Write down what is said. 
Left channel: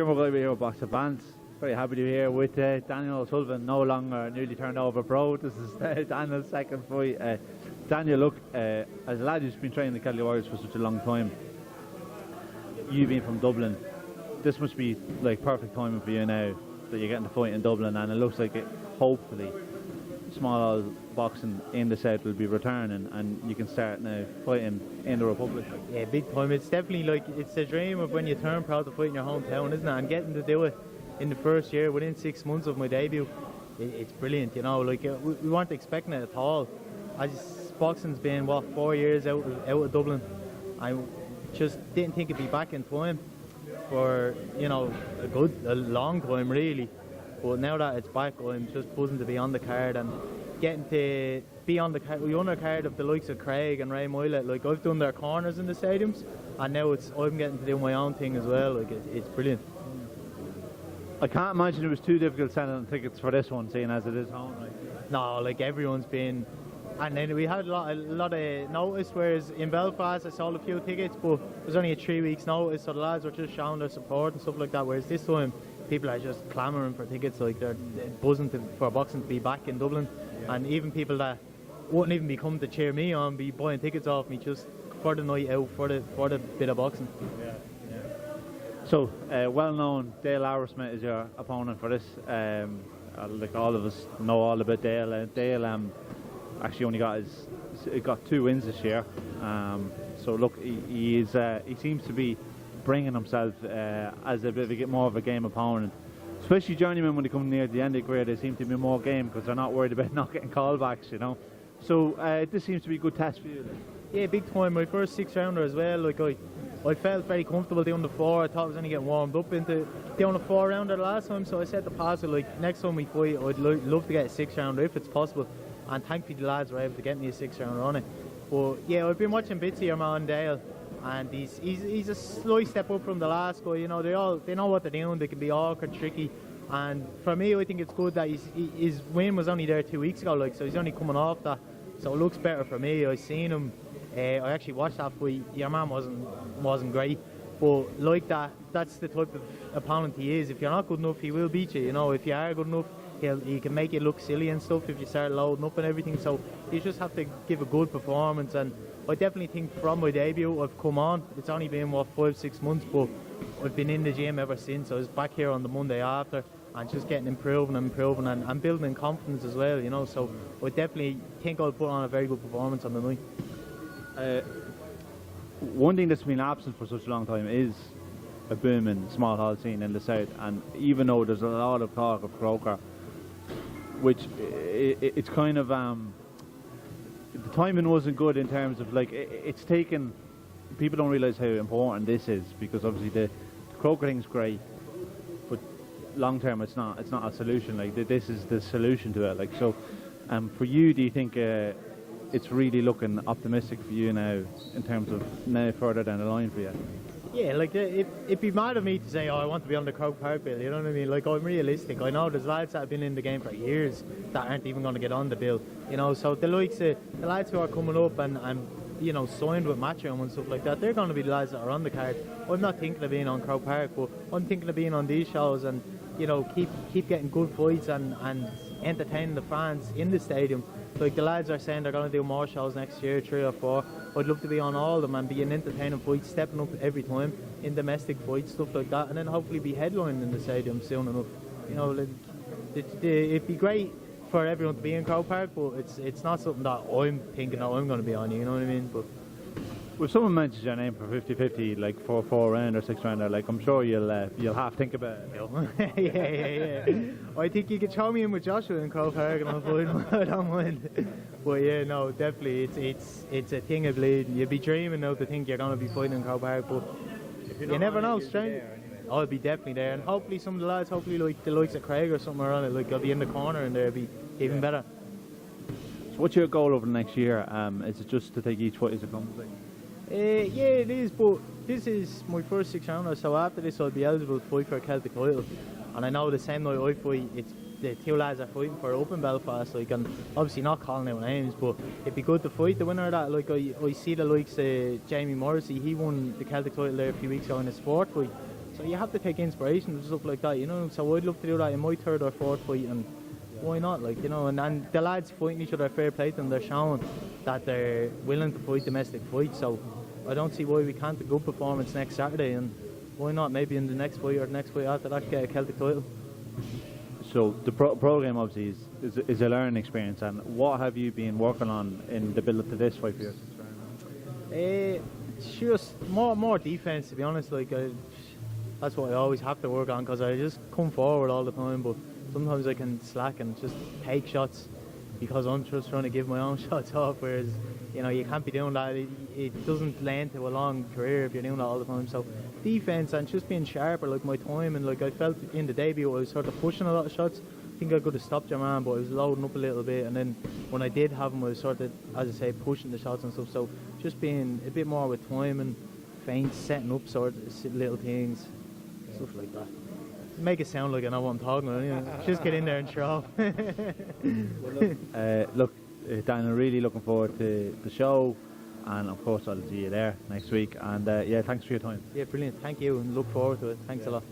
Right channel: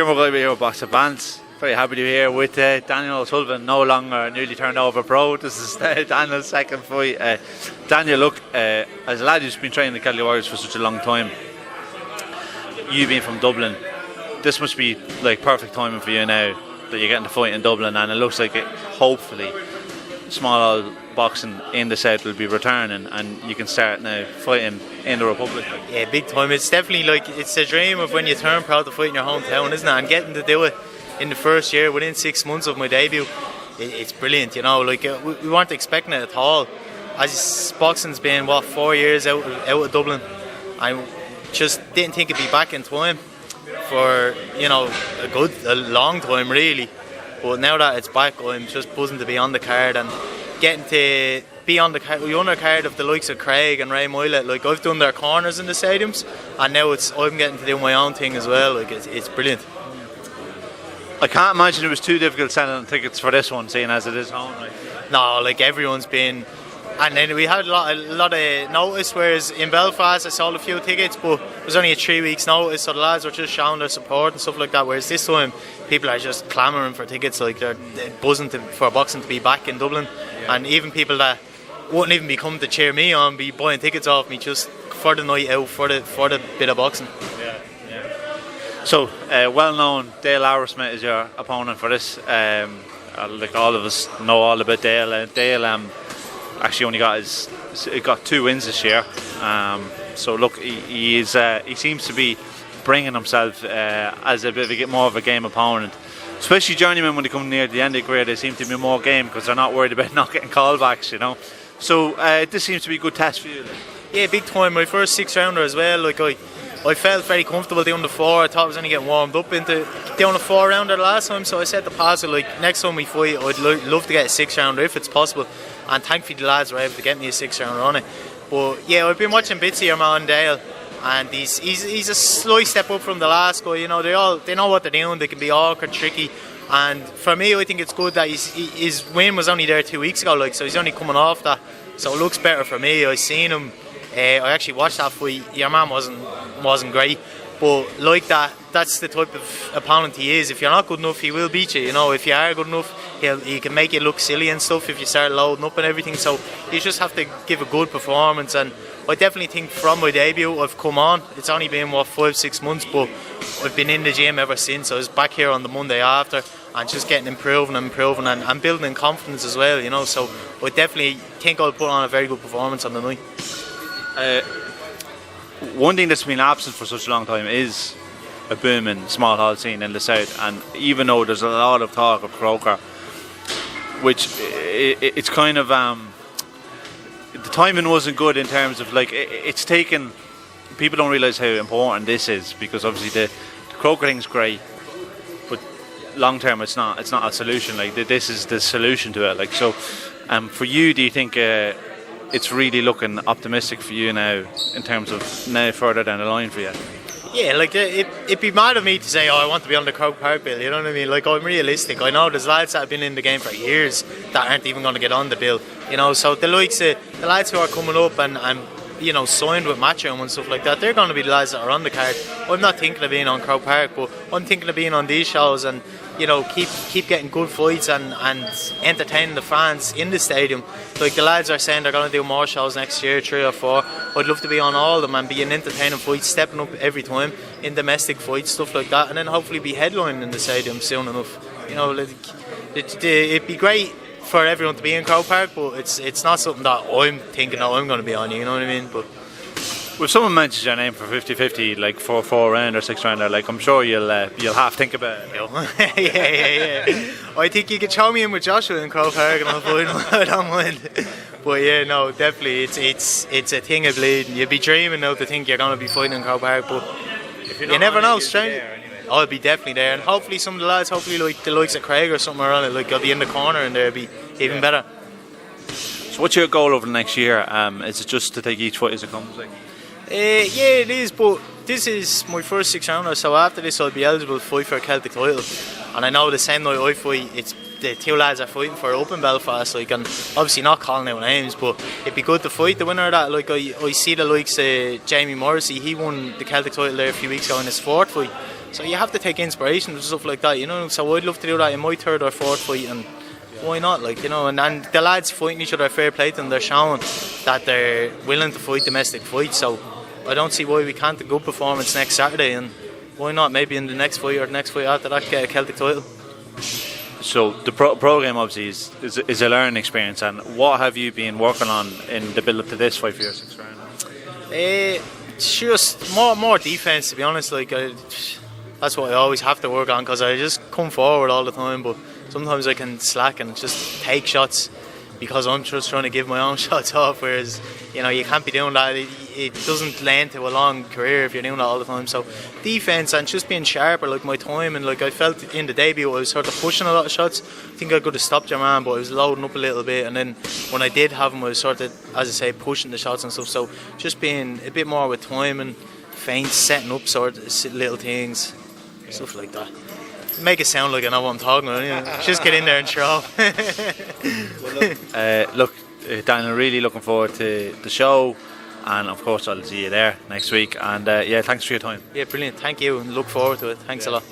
Here we're going to be here with boxer Bants. Very happy to be here with Daniel Osullivan, no longer newly turned over pro. This is Daniel's second fight. Daniel, look, as a lad who's been training the Kelly Warriors for such a long time, you being from Dublin, this must be like perfect timing for you now that you're getting to fight in Dublin, and it looks like it, hopefully small boxing in the south will be returning and you can start now fighting in the Republic. Yeah, big time. It's definitely like, it's a dream of when you turn proud to fight in your hometown, isn't it? And getting to do it in the first year, within 6 months of my debut, it's brilliant, you know. Like we weren't expecting it at all. As boxing's been 4 years out of Dublin, I just didn't think it'd be back in time for, you know, a long time really. But now that it's back, I'm just buzzing to be on the card and getting to be on the undercard of the likes of Craig and Ray Moylett. Like, I've done their corners in the stadiums, and now I'm getting to do my own thing as well. Like, it's brilliant. I can't imagine it was too difficult selling tickets for this one, seeing as it is home. Like. No, like everyone's been. And then we had a lot of notice, whereas in Belfast I sold a few tickets, but it was only a 3 weeks notice, so the lads were just showing their support and stuff like that, whereas this time people are just clamouring for tickets, like they're buzzing for boxing to be back in Dublin. Yeah. And even people that wouldn't even be coming to cheer me on be buying tickets off me just for the night out, for the bit of boxing. Yeah, yeah. So, well-known Dale Arrowsmith is your opponent for this. Like all of us know all about Dale. Dale actually only got 2 wins this year. So look, he seems to be bringing himself as a bit of more of a game opponent. Especially journeymen, when they come near the end of the career, they seem to be more game because they're not worried about not getting callbacks, you know. So this seems to be a good test for you. Like. Yeah, big time. My first 6-rounder as well. Like I felt very comfortable doing the 4. I thought I was only getting warmed up into doing a 4-rounder the last time, so I said to Pascal, like, next time we fight, I'd love to get a 6-rounder if it's possible. And thankfully the lads were able to get me a 6-rounder on it. But yeah, I've been watching bits of your man Dale, and he's a slight step up from the last guy. You know, they know what they're doing. They can be awkward, tricky. And for me, I think it's good that his win was only there 2 weeks ago, like, so he's only coming off that. So it looks better for me. I seen him. I actually watched that fight. Your man wasn't great, but like that's the type of opponent he is. If you're not good enough, he will beat you. You know, if you are good enough, he can make you look silly and stuff if you start loading up and everything. So you just have to give a good performance. And I definitely think from my debut, I've come on. It's only been 5-6 months, but I've been in the gym ever since. I was back here on the Monday after, and just getting improving and building in confidence as well. You know, so I definitely think I'll put on a very good performance on the night. One thing that's been absent for such a long time is a booming small hall scene in the south, and even though there's a lot of talk of Croker, which it's kind of the timing wasn't good in terms of, like, it's taken, people don't realise how important this is, because obviously the Croker thing's great, but long term it's not a solution. Like, this is the solution to it. Like, so for you, do you think it's really looking optimistic for you now in terms of now further down the line for you? Yeah, like, it'd be mad of me to say, I want to be on the Croke Park bill, you know what I mean? Like, I'm realistic. I know there's lads that have been in the game for years that aren't even going to get on the bill, you know. So the likes of the lads who are coming up and you know, signed with Matchroom and stuff like that, they're going to be the lads that are on the card. I'm not thinking of being on Croke Park, but I'm thinking of being on these shows and, you know, keep getting good fights and entertaining the fans in the stadium. Like, the lads are saying they're going to do more shows next year, 3 or 4. I'd love to be on all of them and be an entertaining fight, stepping up every time in domestic fights, stuff like that, and then hopefully be headlining in the stadium soon enough. You know, like, it'd be great for everyone to be in Croke Park, but it's not something that I'm thinking that I'm going to be on, you know what I mean? But if someone mentions your name for 50-50, like 4-round or 6-rounder, like, I'm sure you'll half think about it. You know? yeah. I think you could throw me in with Joshua in Croke Park and I'll fight him. I don't mind. But yeah, no, definitely, it's a thing of bleeding. You'd be dreaming now to think you're going to be fighting in Croke Park, but you never know, strange. I'll be definitely there, and hopefully some of the lads, like the likes of Craig or something are on it, like, I'll be in the corner and there'll be even better. So what's your goal over the next year? Is it just to take each fight as it comes? Like? Yeah, it is, but this is my first 6-rounder, so after this I'll be eligible to fight for a Celtic title. And I know the same night I fight, it's the 2 lads are fighting for it up in Belfast, like, and obviously not calling out names, but it'd be good to fight the winner of that. Like, I see the likes of Jamie Morrissey, he won the Celtic title there a few weeks ago in his 4th fight. So you have to take inspiration and stuff like that, you know. So I'd love to do that in my third or fourth fight, and why not, like, you know. And the lads fighting each other, fair play to them, they're showing that they're willing to fight domestic fights. So I don't see why we can't do a good performance next Saturday, and why not maybe in the next fight or the next fight after that get a Celtic title. So the program obviously is a learning experience, and what have you been working on in the build up to this fight for your 6th round? It's just more defense, to be honest. Like that's what I always have to work on, because I just come forward all the time, but sometimes I can slack and just take shots because I'm just trying to give my own shots off, whereas, you know, you can't be doing that. It doesn't lend to a long career if you're doing that all the time. So defense and just being sharper, like my time, and like I felt in the debut I was sort of pushing a lot of shots. I think I could have stopped your man, but I was loading up a little bit, and then when I did have him I was sort of, as I say, pushing the shots and stuff. So just being a bit more with time and feints, setting up sort of little things, stuff like that. Make it sound like I know what I'm talking about. You know? Just get in there and throw. Look, Daniel, really looking forward to the show, and of course I'll see you there next week. And yeah, thanks for your time. Yeah, brilliant. Thank you, and look forward to it. Thanks a lot.